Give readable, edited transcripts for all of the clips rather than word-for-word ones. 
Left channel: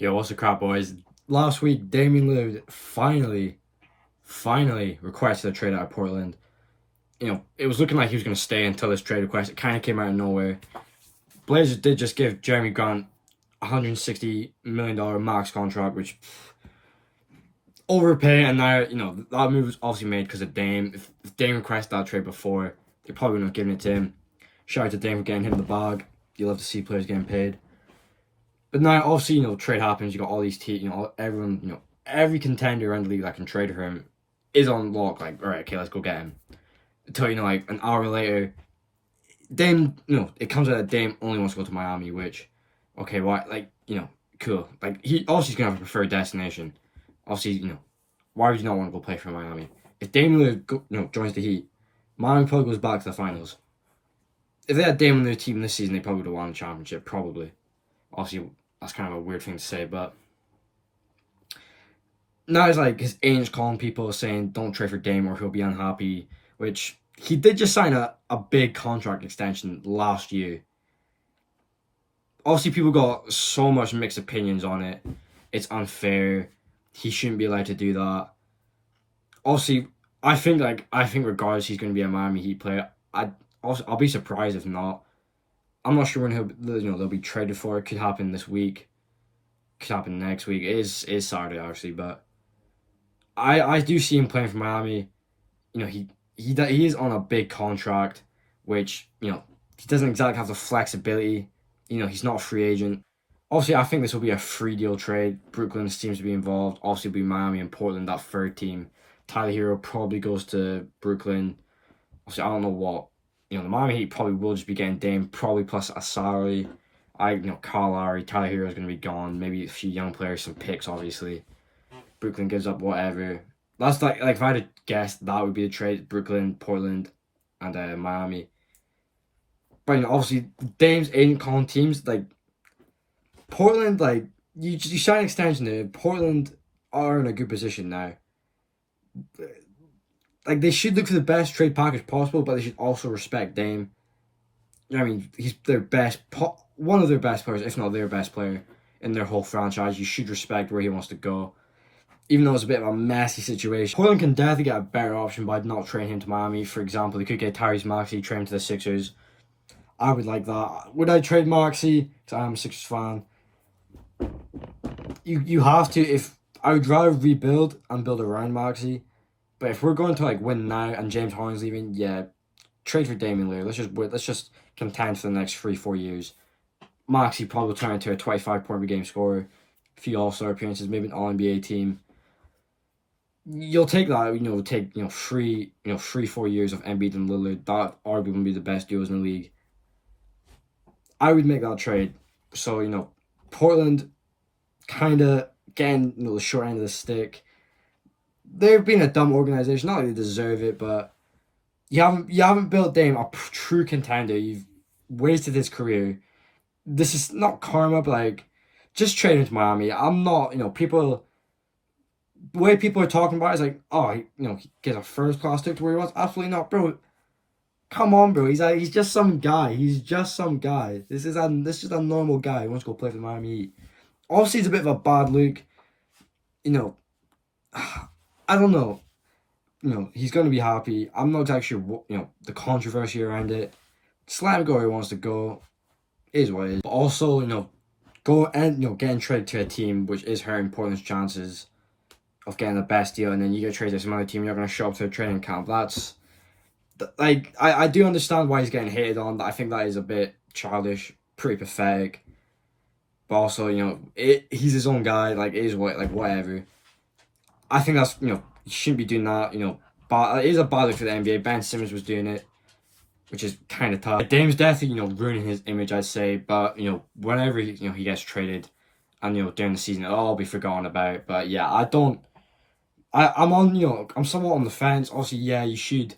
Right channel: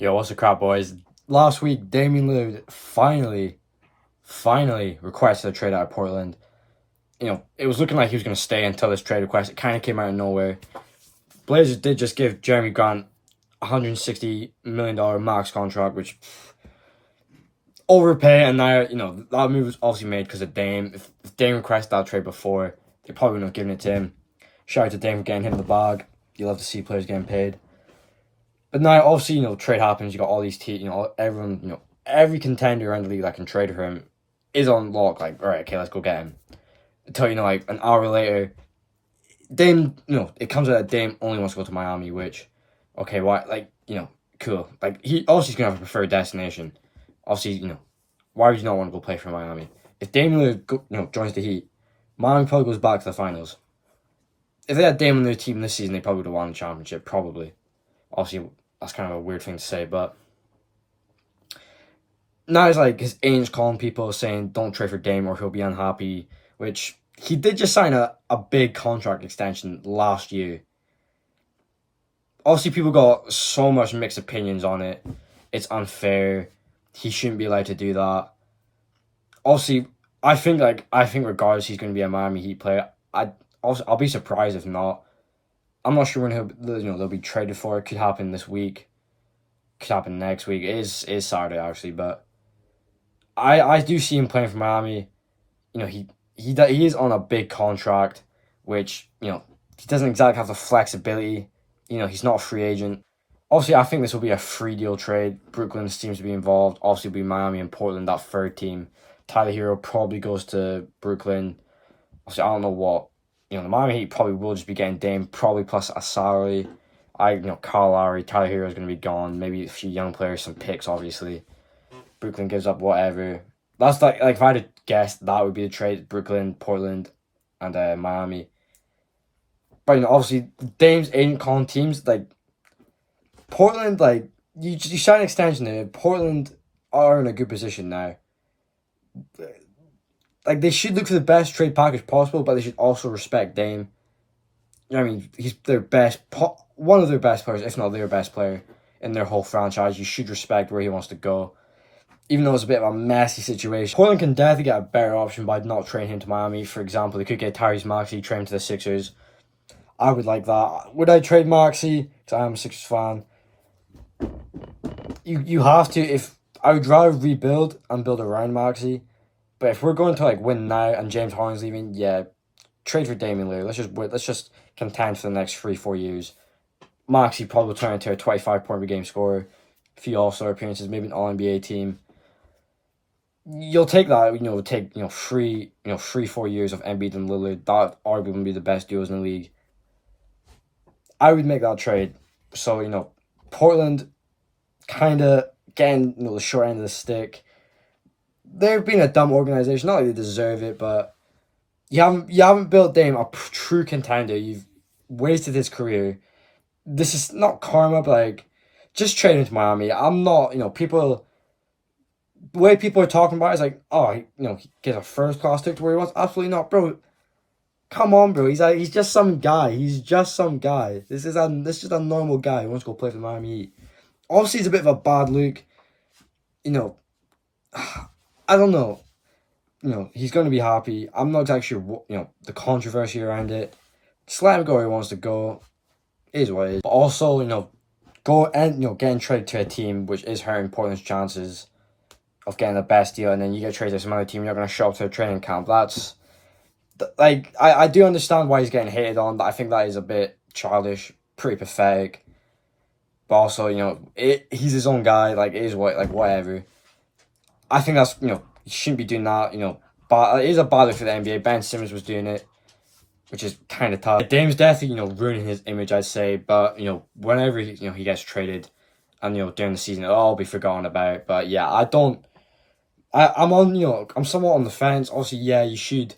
Yo, what's the crap, boys? Last week, Damian Lillard finally requested a trade out of Portland. It was looking like he was going to stay until this trade request. It kind of came out of nowhere. Blazers did just give Jeremy Grant $160 million max contract, which overpay, and now, that move was obviously made because of Dame. If Dame requested that trade before, they probably wouldn't have given it to him. Shout out to Dame for getting him the bag. You love to see players getting paid. But now, obviously, trade happens. You got all these teams, everyone, every contender around the league that can trade for him is on lock. Like, all right, okay, let's go get him. Until, like, an hour later, Dame, it comes out that Dame only wants to go to Miami, which, okay, why? Like, cool. Like, he obviously he's going to have a preferred destination. Obviously, why would you not want to go play for Miami? If Dame Lillard, joins the Heat, Miami probably goes back to the finals. If they had Dame on their team this season, they probably would have won the championship, probably. Obviously, that's kind of a weird thing to say, but now it's like his agent's calling people saying don't trade for Dame or he'll be unhappy, which he did just sign a big contract extension last year. Obviously, people got so much mixed opinions on it. It's unfair. He shouldn't be allowed to do that. Obviously, I think regardless he's going to be a Miami Heat player. I'll be surprised if not. I'm not sure when they'll be traded for. It could happen this week. Could happen next week. It is Saturday actually, but I do see him playing for Miami. He is on a big contract, which he doesn't exactly have the flexibility. He's not a free agent. Obviously, I think this will be a free deal trade. Brooklyn seems to be involved. Obviously, it'll be Miami and Portland, that third team. Tyler Hero probably goes to Brooklyn. Obviously, I don't know what. The Miami Heat probably will just be getting Dame, probably plus a salary. Kyle Lowry, Tyler Hero is going to be gone. Maybe a few young players, some picks, obviously. Brooklyn gives up whatever. That's like if I had to guess, that would be the trade: Brooklyn, Portland, and Miami. But obviously, Dame's agent calling teams like Portland. Like you sign an extension there. Portland are in a good position now. Like they should look for the best trade package possible, but they should also respect Dame. He's their one of their best players, if not their best player in their whole franchise. You should respect where he wants to go. Even though it's a bit of a messy situation, Portland can definitely get a better option by not trading him to Miami. For example, they could get Tyrese Maxey, trade him to the Sixers. I would like that. Would I trade Maxey? Because I am a Sixers fan. You have to. If I would rather rebuild and build around Maxey, but if we're going to win now and James Harden's leaving, yeah, trade for Damian Lillard. Let's just contend for the next 3-4 years. Maxey probably turn into a 25-point per game scorer, a few All-Star appearances, maybe an All-NBA team. You'll take that, take 3-4 years of Embiid and Lillard. That arguably would be the best deals in the league. I would make that trade. So, Portland kind of getting the short end of the stick. They've been a dumb organization. Not like they deserve it, but you haven't built Dame a true contender. You've wasted his career. This is not karma, but just trade him to Miami. I'm not, people. The way people are talking about it is like, oh, he gets a first class ticket to where he wants. Absolutely not, bro. Come on, bro. He's just some guy. He's just some guy. This is just a normal guy who wants to go play for the Miami Heat. Obviously, it's a bit of a bad look. I don't know. He's going to be happy. I'm not exactly sure what, the controversy around it. Just let him go where he wants to go. It is what it is. But also, go and, getting traded to a team which is hurting Portland's chances of getting the best deal, and then you get traded to some other team, you're not going to show up to a training camp. That's, I do understand why he's getting hated on, but I think that is a bit childish, pretty pathetic. But also, he's his own guy, it is whatever. I think that's, he shouldn't be doing that, but it is a bad look for the NBA. Ben Simmons was doing it, which is kind of tough. Dame's definitely, ruining his image, I'd say, but, whenever, he gets traded, and, during the season, it'll all be forgotten about. But, yeah, I'm somewhat on the fence. Obviously, yeah, you should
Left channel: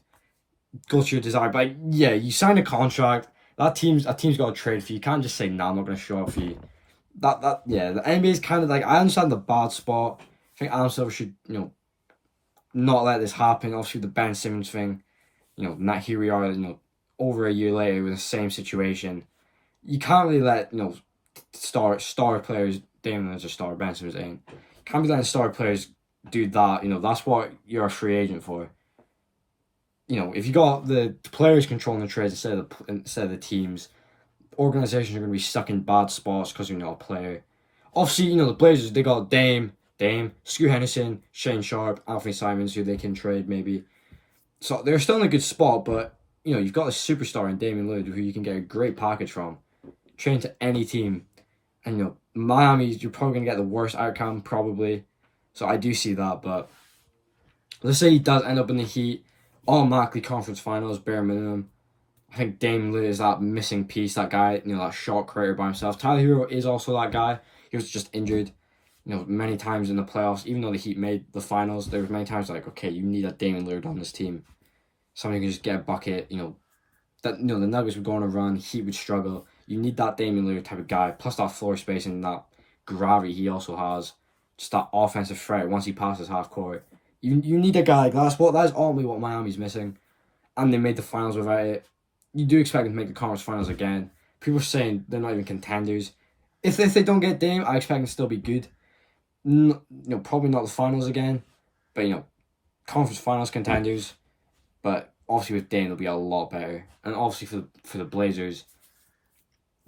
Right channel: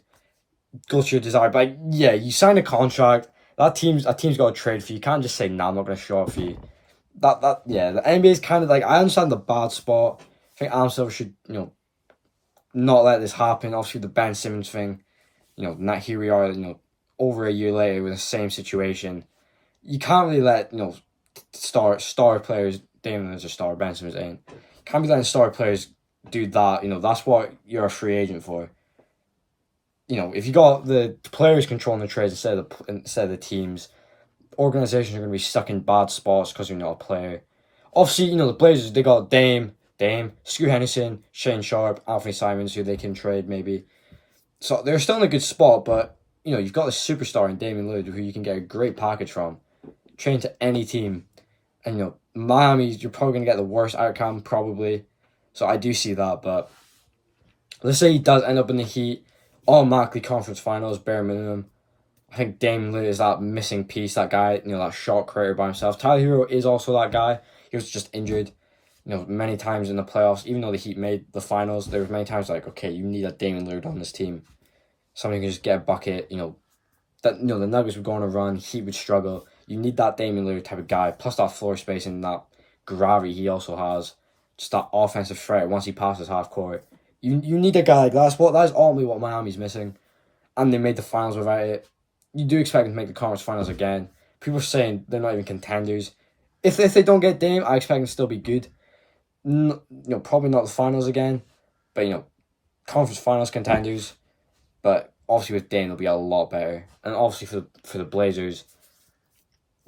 go to your desire, but yeah, you sign a contract. That team's got to trade for you. You can't just say, "Nah, I'm not going to show up for you." Yeah, the NBA is kind of I understand the bad spot. I think Adam Silver should not let this happen. Obviously, the Ben Simmons thing, not here we are, over a year later with the same situation. You can't really let star players Dame Lillard's a star, Ben Simmons ain't. Can't be letting star players do that. You know, that's what you're a free agent for. You know, if you got the players controlling the trades instead of the teams, organizations are going to be stuck in bad spots because you're not a player. Obviously, you know, the Blazers, they got Dame, Scoot Henderson, Shane Sharp, Anthony Simons, who they can trade maybe. So they're still in a good spot, but, you know, you've got a superstar in Damian Lillard who you can get a great package from. Train to any team. And, you know, Miami, you're probably going to get the worst outcome, probably. So I do see that, but let's say he does end up in the Heat, automatically conference finals, bare minimum. I think Dame Lillard is that missing piece, that guy, you know, that shot creator by himself. Tyler Hero is also that guy. He was just injured, you know, many times in the playoffs. Even though the Heat made the finals, there was many times like, okay, you need a Damian Lillard on this team. Somebody who can just get a bucket, you know. That, you know, the Nuggets would go on a run, Heat would struggle. You need that Damian Lillard type of guy, plus that floor spacing, that gravity he also has. Just that offensive threat once he passes half court. You need a guy like that. That is ultimately what Miami's missing. And they made the finals without it. You do expect them to make the conference finals again. People are saying they're not even contenders. If they don't get Dame, I expect them to still be good. You know, probably not the finals again, but, you know, conference finals contenders. But obviously with Dame, they'll be a lot better. And obviously for the Blazers,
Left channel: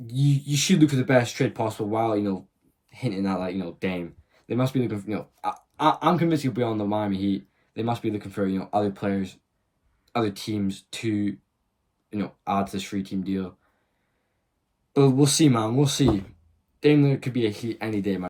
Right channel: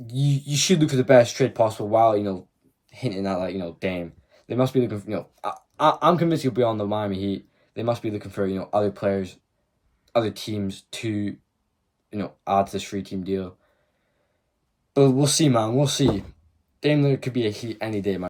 you should look for the best trade possible while, you know, hinting at, like, you know, Dame. They must be looking for, you know, I'm convinced he'll be on the Miami Heat. They must be looking for, you know, other players, other teams to, you know, add to this free team deal. But we'll see, man. We'll see. Dame Lillard could be a Heat any day, man.